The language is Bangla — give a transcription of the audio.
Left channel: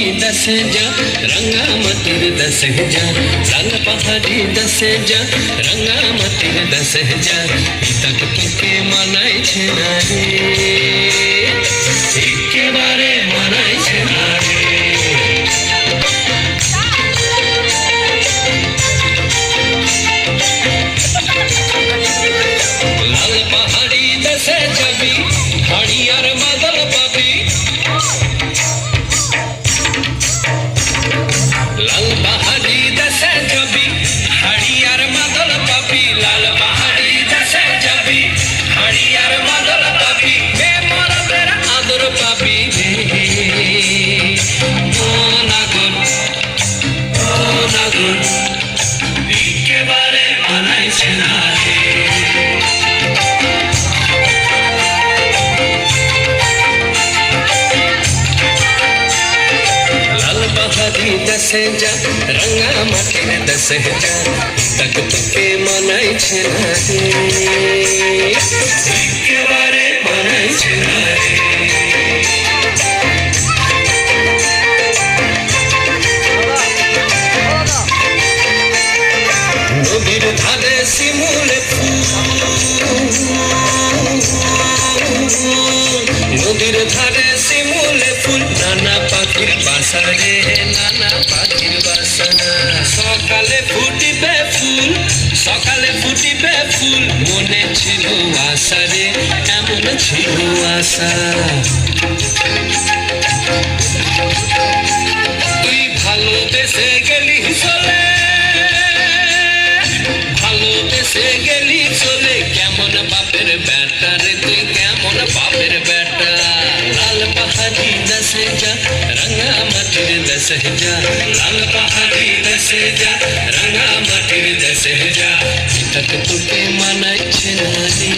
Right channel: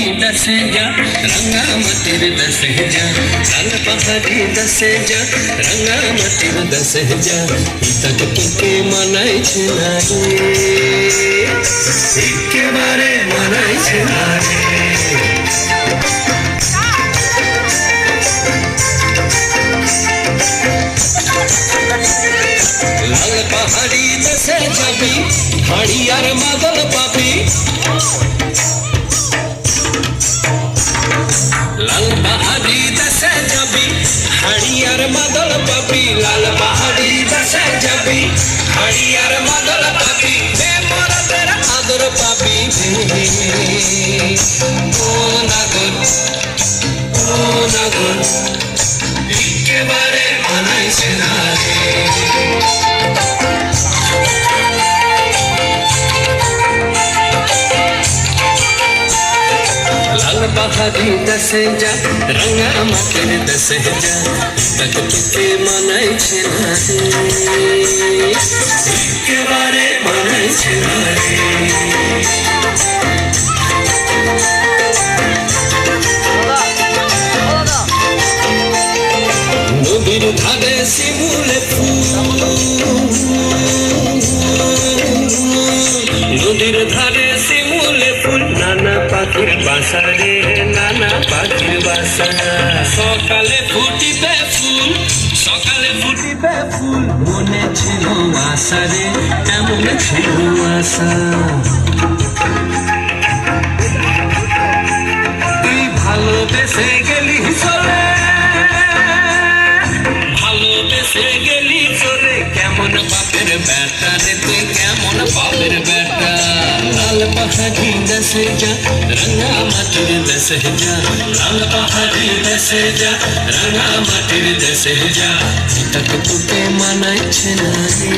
दसे जा रंगा मतिर दस जा लाल पहाड़ी दसे जा रंगा मतिर दस जा तक तुके मनाई छे ना रे एकेबारे मनाई छे ना रे लाल पहाड़ी दसे जाबी हड़ियार मादल पाबी लाल पहाड़ी दसे जाबी हड़ियार मादल पाबी लाल पहाड़ी दसे जाबी हड़ियार मादल पाबी बे मरदेर आदर पाबी बे ओ नागन एकेबारे मनाई छे ना रे पहाड़ी दसे जा रंगा मतिर दस जा तक तुके मनाई छे ना रे एकेबारे मनाई छे ना रे नदीर धारे शिमुल फूल नदीर धारे शिमुल फूल नाना पाখির বাসা রে নানা পাখির বাসা সকালে ফুটিবে ফুল মনে ছিল আশা রে এমন ছিল আশা তুই ভালোবেসে গেলি চলে কেমন বাপের বেটা রে তুই কেমন বাপের বেটা লাল पहाड़ी दसे जा रंगा मतिर दसे जा लाल पहाड़ी दसे जा रंगा मतिर दसे जा तक तुके मनाई छे ना रे